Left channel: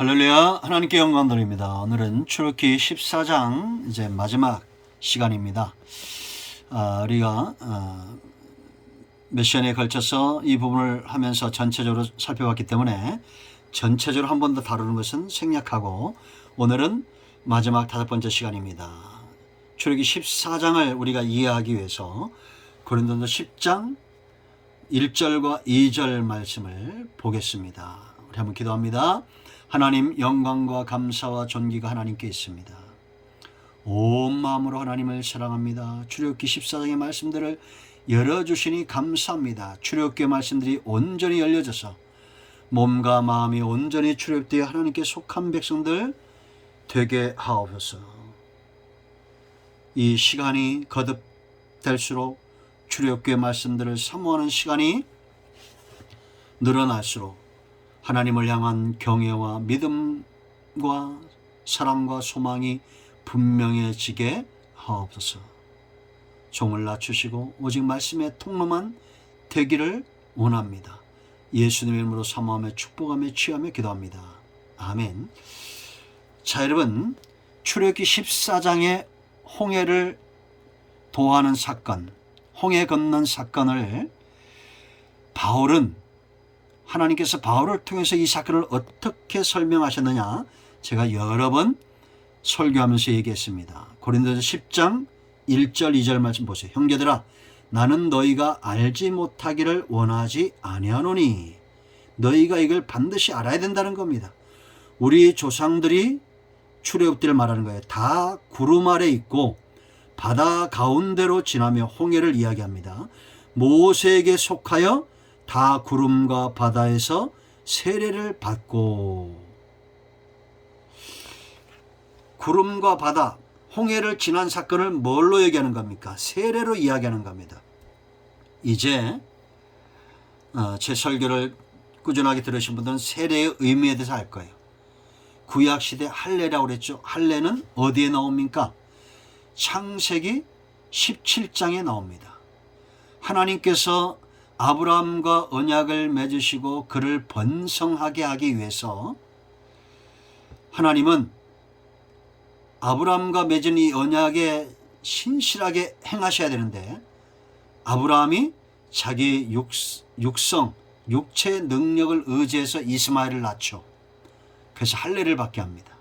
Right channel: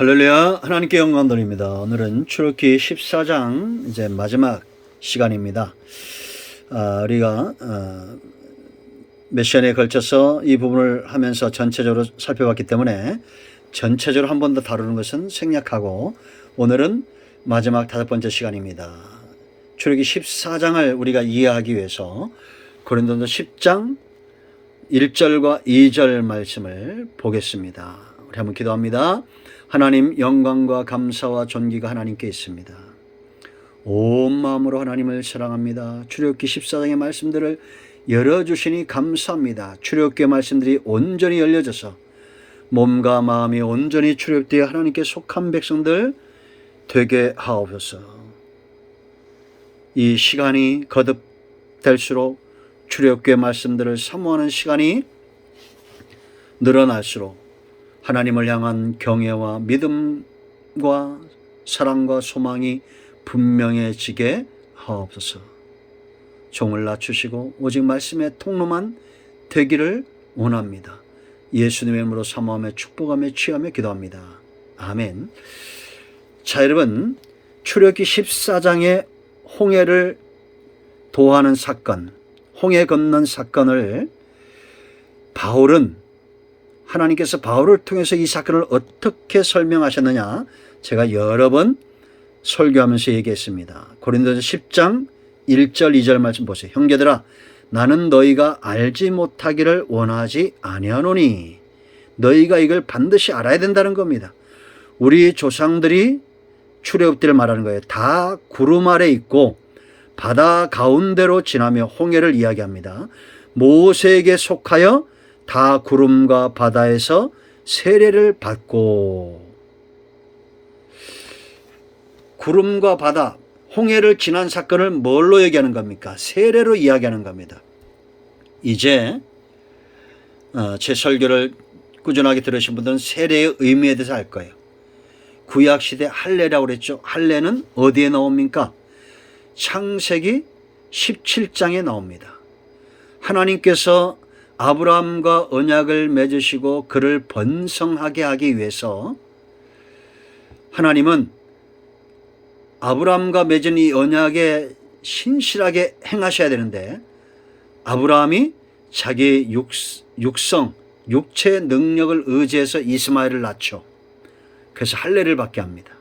할렐루야, 하나님께 영광 돌립니다. 오늘은 출애굽기 14장 이제 마지막 시간입니다. 우리가 몇 시간에 걸쳐서 이 부분을 하면서 전체적으로 살펴봤기 때문에 전체적으로 한 번 더 다루는 것은 생략하고 오늘은 마지막 5번째 시간입니다. 출애굽기 14장을 우리가 이해하기 위해서 고린도서 10장 1절과 2절 말씀을 보겠습니다. 우리 한번 기도합니다. 하나님, 영광과 감사와 존귀가 하나님께 있습니다. 온 마음으로 하나님을 사랑합니다. 출애굽기 14장의 말씀들을 열어주시니 감사합니다. 출애굽기의 말씀들이 온전히 열려져서 몸과 마음이 온전히 출애굽되어 하나님께 속한 백성들 되게 하옵소서. 이 시간이 거듭될수록 출애굽기의 말씀들을 사모하는 시간이 늘어날수록 하나님을 향한 경외와 믿음과 사랑과 소망이 분명해지게 하옵소서. 종을 낮추시고 오직 말씀의 통로만 되기를 원합니다. 예수님의 이름으로 사모하며 축복하며 취하며 기도합니다. 아멘. 자, 여러분, 출애굽기 14장의 홍해를 도하는 사건, 홍해 건넌 사건을 하나님께서 바울을 통해서 이 사건을 어떻게 설명하셨느냐, 제가 여러 번 설교하면서 얘기했습니다. 고린도서 10장 1절 2절 말씀 보세요. 형제들아, 나는 너희가 알지 못하기를 원하지 아니하노니. 너희가 이걸 반드시 알아야 된다는 겁니다. 우리 조상들이 출애굽 때를 말하는 거예요. 다 구름 아래 있고 바다 가운데로 지나며 홍해를 이야기합니다. 모세에게 속하여 다 구름과 바다에서 세례를 받고, 구름과 바다, 홍해를 지난 사건을 뭘로 얘기하는 겁니까? 세례로 이야기하는 겁니다. 이제 제 설교를 꾸준하게 들으신 분들은 세례의 의미에 대해서 알 거예요. 구약시대 할례라고 그랬죠. 할례는 어디에 나옵니까? 창세기 17장에 나옵니다. 하나님께서 아브라함과 언약을 맺으시고 그를 번성하게 하기 위해서 하나님은 아브라함과 맺은 이 언약에 신실하게 행하셔야 되는데, 아브라함이 자기 육체 능력을 의지해서 이스마엘을 낳죠. 그래서 할례를 받게 합니다.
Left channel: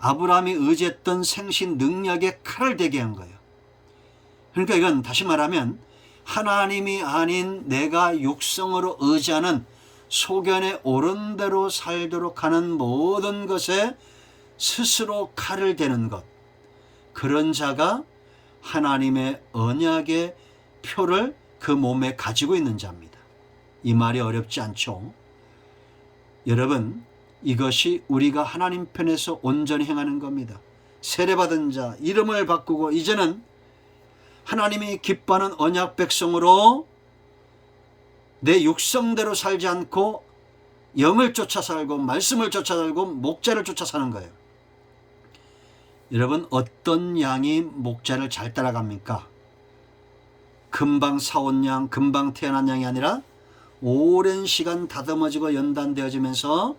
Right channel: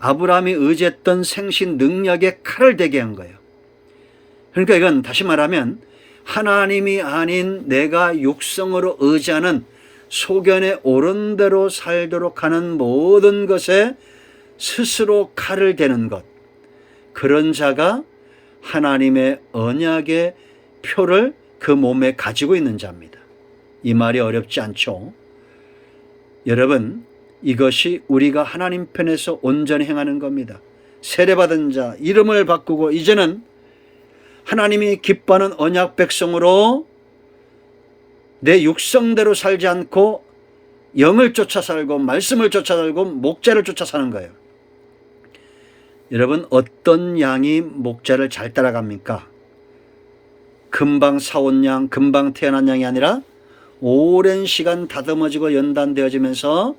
아브라함이 의지했던 생신 능력에 칼을 대게 한 거예요. 그러니까 이건 다시 말하면 하나님이 아닌 내가 육성으로 의지하는 소견에 옳은 대로 살도록 하는 모든 것에 스스로 칼을 대는 것, 그런 자가 하나님의 언약의 표를 그 몸에 가지고 있는 자입니다. 이 말이 어렵지 않죠? 여러분, 이것이 우리가 하나님 편에서 온전히 행하는 겁니다. 세례받은 자, 이름을 바꾸고 이제는 하나님이 기뻐하는 언약 백성으로 내 육성대로 살지 않고 영을 쫓아 살고 말씀을 쫓아 살고 목자를 쫓아 사는 거예요. 여러분, 어떤 양이 목자를 잘 따라갑니까? 금방 사온 양, 금방 태어난 양이 아니라 오랜 시간 다듬어지고 연단되어지면서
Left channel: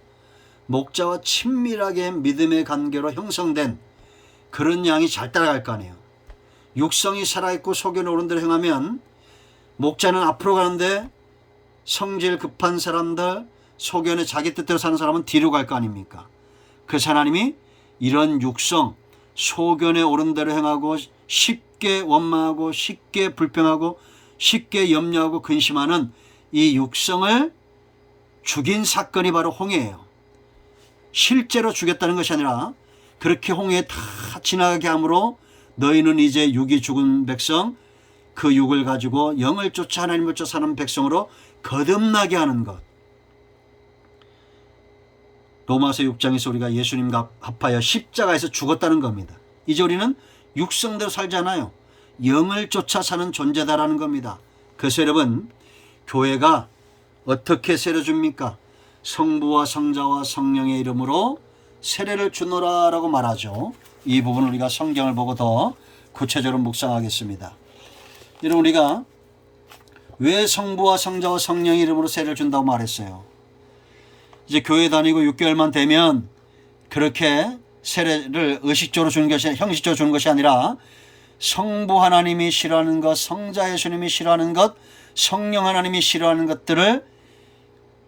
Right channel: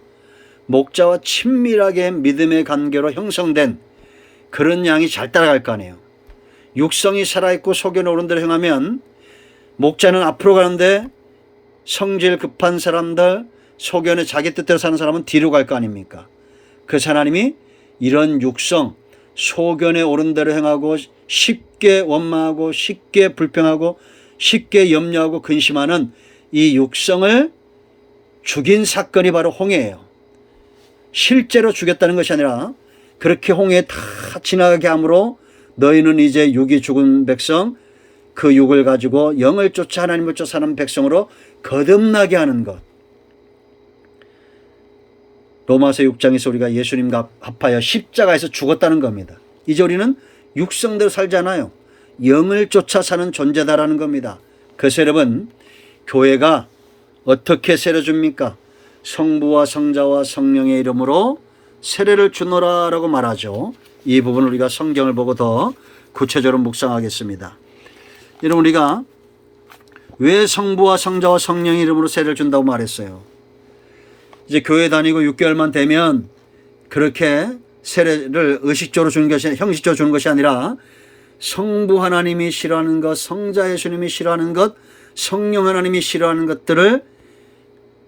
목자와 친밀하게 믿음의 관계로 형성된 그런 양이 잘 따라갈 거 아니에요. 육성이 살아있고 소견에 오른 대로 행하면 목자는 앞으로 가는데 성질 급한 사람들, 소견에 자기 뜻대로 사는 사람은 뒤로 갈 거 아닙니까? 그래서 하나님이 이런 육성, 소견에 오른 대로 행하고 쉽게 원망하고 쉽게 불평하고 쉽게 염려하고 근심하는 이 육성을 죽인 사건이 바로 홍해예요. 실제로 죽였다는 것이 아니라 그렇게 홍해에 다 지나가게 함으로 너희는 이제 육이 죽은 백성, 그 육을 가지고 영을 쫓아 하나님을 쫓아 사는 백성으로 거듭나게 하는 것. 로마서 6장에서 우리가 예수님과 합하여 십자가에서 죽었다는 겁니다. 이제 우리는 육성대로 살지 않아요. 영을 쫓아 사는 존재다라는 겁니다. 그래서 여러분, 교회가 어떻게 세례 줍니까? 성부와 성자와 성령의 이름으로 세례를 주노라라고 말하죠. 이 부분을 우리가 성경을 보고 더 구체적으로 묵상하겠습니다. 여러분, 우리가 왜 성부와 성자와 성령의 이름으로 세례를 준다고 말했어요? 이제 교회 다니고 6개월만 되면 그렇게 세례를 의식적으로 주는 것이, 형식적으로 주는 것이 아니라 성부 하나님이 싫어하는 것, 성자 예수님이 싫어하는 것, 성령 하나님이 싫어하는 것들을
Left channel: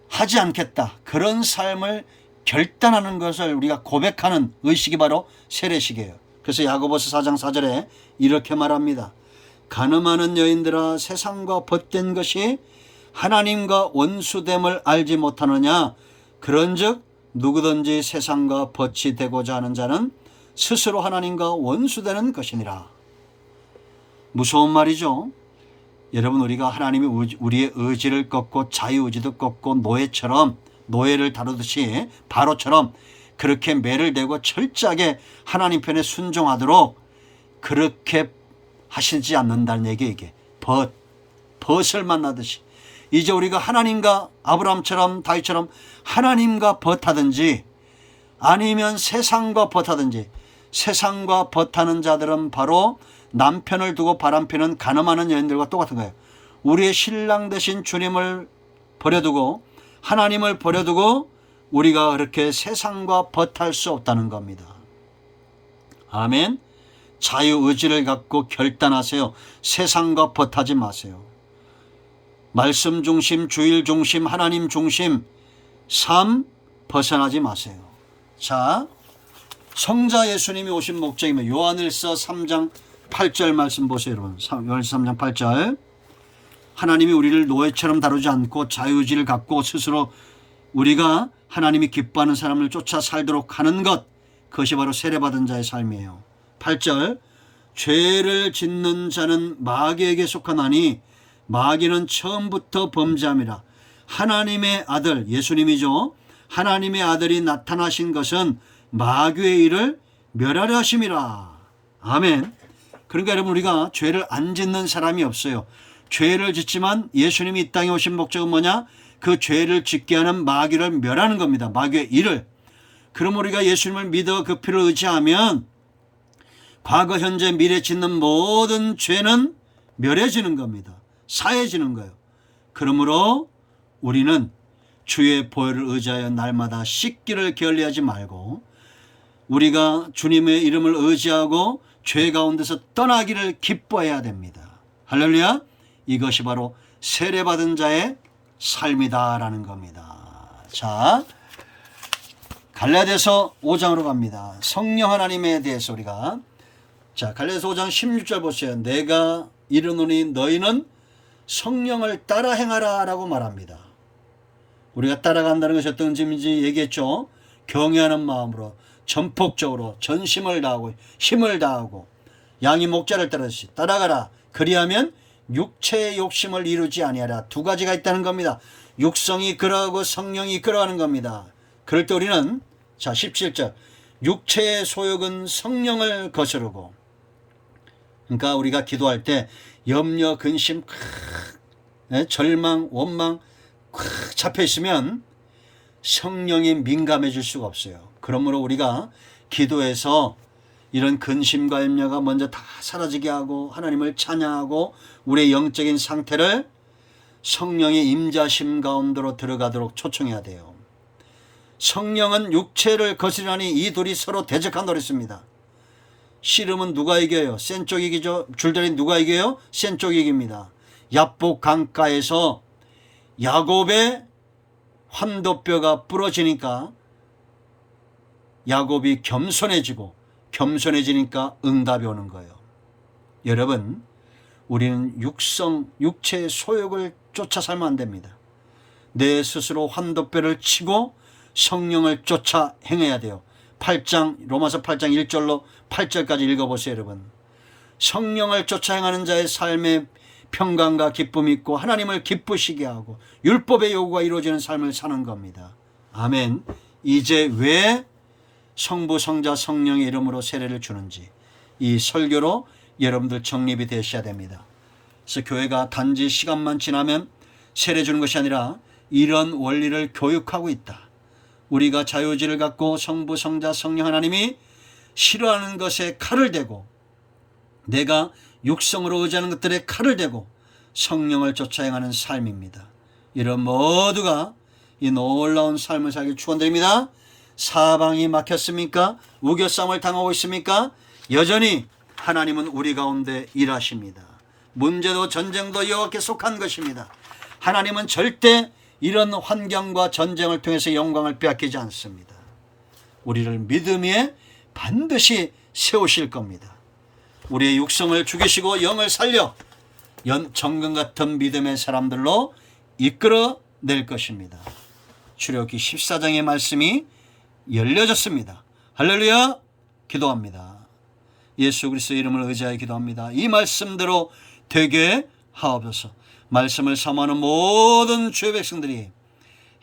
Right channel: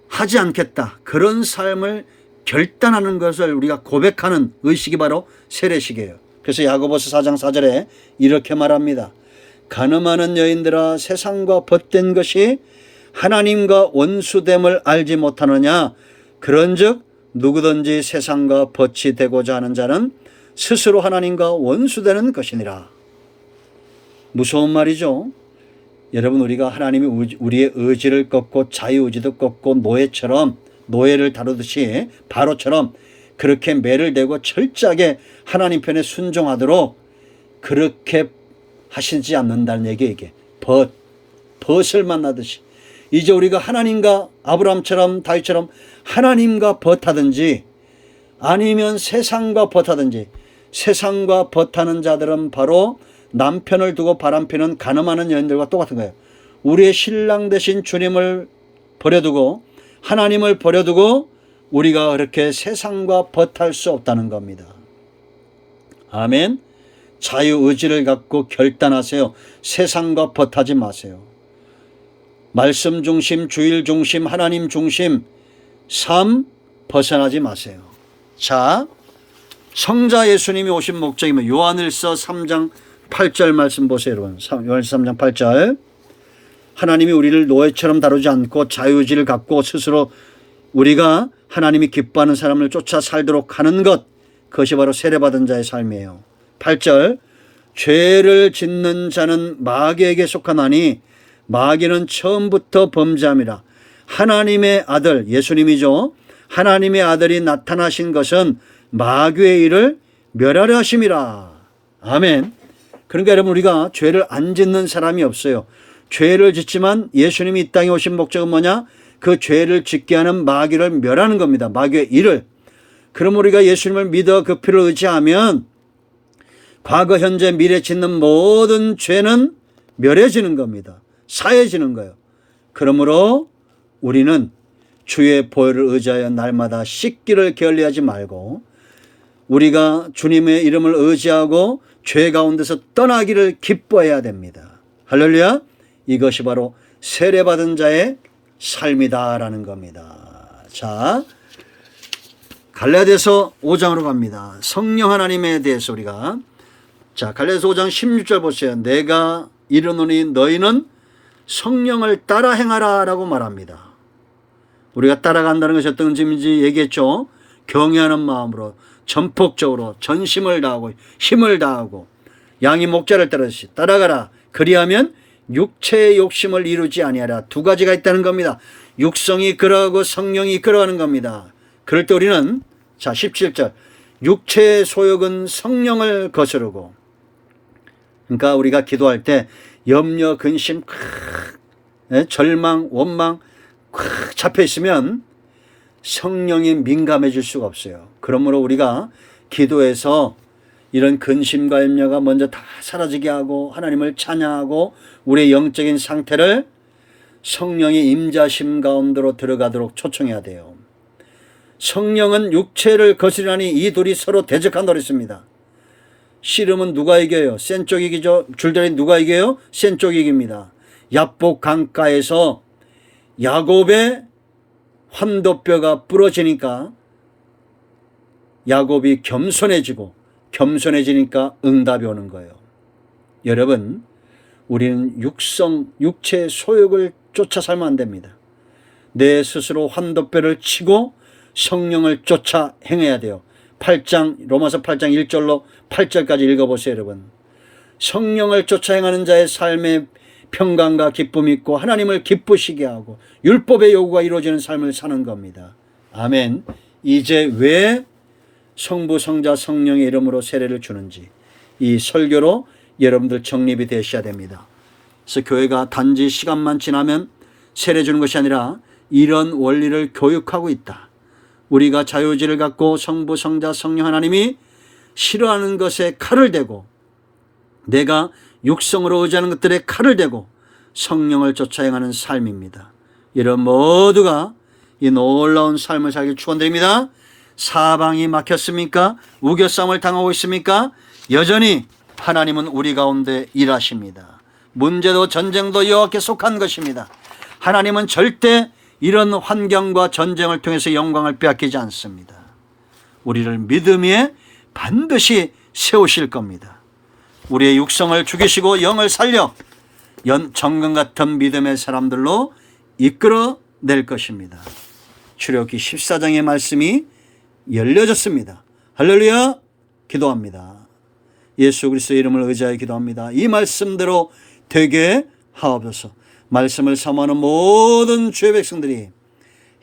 하지 않겠다. 그런 삶을 결단하는 것을 우리가 고백하는 의식이 바로 세례식이에요. 그래서 야고보서 4장 4절에 이렇게 말합니다. 간음하는 여인들아, 세상과 벗된 것이 하나님과 원수됨을 알지 못하느냐. 그런즉 누구든지 세상과 벗이 되고자 하는 자는 스스로 하나님과 원수되는 것이니라. 무서운 말이죠. 여러분, 우리가 하나님이 우리의 의지를 꺾고 자유의지도 꺾고 노예를 다루듯이 바로처럼 그렇게 매를 대고 철저하게 하나님 편에 순종하도록 그렇게 하시지 않는다는 얘기예요. 이게 벗을 만나듯이 이제 우리가 하나님과 아브라함처럼 다윗처럼 하나님과 벗하든지 아니면 세상과 벗하든지, 세상과 벗하는 자들은 바로 남편을 두고 바람피는 간음하는 여인들과 똑같은 거예요. 우리의 신랑 되신 주님을 버려두고 하나님을 버려두고 우리가 그렇게 세상과 벗할 수 없다는 겁니다. 아멘. 자유의지를 갖고 결단하세요. 세상과 벗하지 마세요. 말씀 중심, 주일 중심, 하나님 중심 삶 벗어나지 마세요. 자, 성자 예수님이 오신 목적이면 요한일서 3장 8절 말씀 보세요. 여러분, 요한일서 3장 8절. 하나님이 우리를 노예처럼 다루지 않고 자유의지를 갖고 스스로 우리가 하나님이 기뻐하는 사람을 쫓아 살도록 하는 것, 그것이 바로 세례받은 자의 삶이에요. 8절. 죄를 짓는 자는 마귀에게 속하나니 마귀는 처음부터 범죄함이라. 하나님의 아들, 예수님이죠. 하나님의 아들이 나타나신 것은 마귀의 일을 멸하려 하심이라. 아멘. 그러니까 여러분, 우리가 죄를 안 짓는 사람이 없어요. 죄를 짓지만 예수님이 이 땅에 오신 목적은 뭐냐? 그 죄를 짓게 하는 마귀를 멸하는 겁니다. 마귀의 일을. 그럼 우리가 예수님을 믿어 그 피를 의지하면 과거, 현재, 미래 짓는 모든 죄는 멸해지는 겁니다. 사해지는 거예요. 그러므로 우리는 주의 보혈을 의지하여 날마다 씻기를 게을리하지 말고 우리가 주님의 이름을 의지하고 죄 가운데서 떠나기를 기뻐해야 됩니다. 할렐루야. 이것이 바로 세례받은 자의 삶이다라는 겁니다. 자, 갈라디아서 5장으로 갑니다. 성령 하나님에 대해서 우리가, 자, 갈라디아서 5장 16절 보세요. 내가 이르노니 너희는 성령을 따라 행하라 라고 말합니다. 우리가 따라간다는 것이 어떤 의미인지 얘기했죠. 경외하는 마음으로 전폭적으로 전심을 다하고 힘을 다하고 양이 목자를 따르듯이 따라가라. 그리하면 육체의 욕심을 이루지 아니하라. 두 가지가 있다는 겁니다. 육성이 이끌어가고 성령이 이끌어가는 겁니다. 그럴 때 우리는, 자, 17절. 육체의 소욕은 성령을 거스르고, 그러니까 우리가 기도할 때 염려, 근심, 절망, 원망 잡혀 있으면 성령이 민감해질 수가 없어요. 그러므로 우리가 기도해서 이런 근심과 염려가 먼저 다 사라지게 하고 하나님을 찬양하고 우리의 영적인 상태를 성령의 임자심 가운데로 들어가도록 초청해야 돼요. 성령은 육체를 거스르니 이 둘이 서로 대적한 노릇입니다. 씨름은 누가 이겨요? 센 쪽이 이기죠. 줄다리 누가 이겨요? 센 쪽이 이깁니다. 야복 강가에서 야곱의 환도뼈가 부러지니까 야곱이 겸손해지니까 응답이 오는 거예요. 여러분, 우리는 육체의 소욕을 쫓아 살면 안 됩니다. 내 스스로 환도뼈를 치고 성령을 쫓아 행해야 돼요. 로마서 8장 1절로 8절까지 읽어보세요. 여러분, 성령을 쫓아 행하는 자의 삶에 평강과 기쁨이 있고 하나님을 기쁘시게 하고 율법의 요구가 이루어지는 삶을 사는 겁니다. 아멘. 이제 왜 성부, 성자, 성령의 이름으로 세례를 주는지 이 설교로 여러분들 정립이 되셔야 됩니다. 그래서 교회가 단지 시간만 지나면 세례 주는 것이 아니라 이런 원리를 교육하고 있다. 우리가 자유의지를 갖고 성부, 성자, 성령 하나님이 싫어하는 것에 칼을 대고 내가 육성으로 의지하는 것들에 칼을 대고 성령을 쫓아 행하는 삶입니다. 여러분 모두가 이 놀라운 삶을 살길 축원드립니다. 사방이 막혔습니까? 우겨싸움을 당하고 있습니까? 여전히 하나님은 우리 가운데 일하십니다. 문제도 전쟁도 여호와께 속한 것입니다. 하나님은 절대 이런 환경과 전쟁을 통해서 영광을 빼앗기지 않습니다. 우리를 믿음에 반드시 세우실 겁니다. 우리의 육성을 죽이시고 영을 살려 정금 같은 믿음의 사람들로 이끌어낼 것입니다. 출애굽기 14장의 말씀이 열려졌습니다. 할렐루야. 기도합니다. 예수 그리스도의 이름을 의지하여 기도합니다. 이 말씀대로 되게 하옵소서. 말씀을 사모하는 모든 주의 백성들이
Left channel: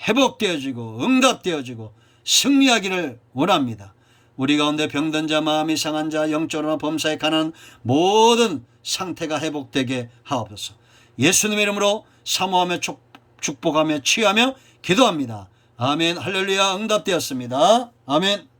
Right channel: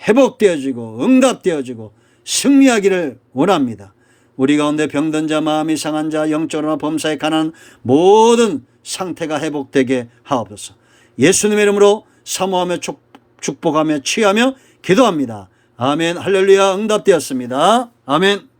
회복되어지고 응답되어지고 승리하기를 원합니다. 우리 가운데 병든 자, 마음이 상한 자, 영적으로나 범사에 관한 모든 상태가 회복되게 하옵소서. 예수님의 이름으로 사모하며 축복하며 취하며 기도합니다. 아멘. 할렐루야. 응답되었습니다. 아멘.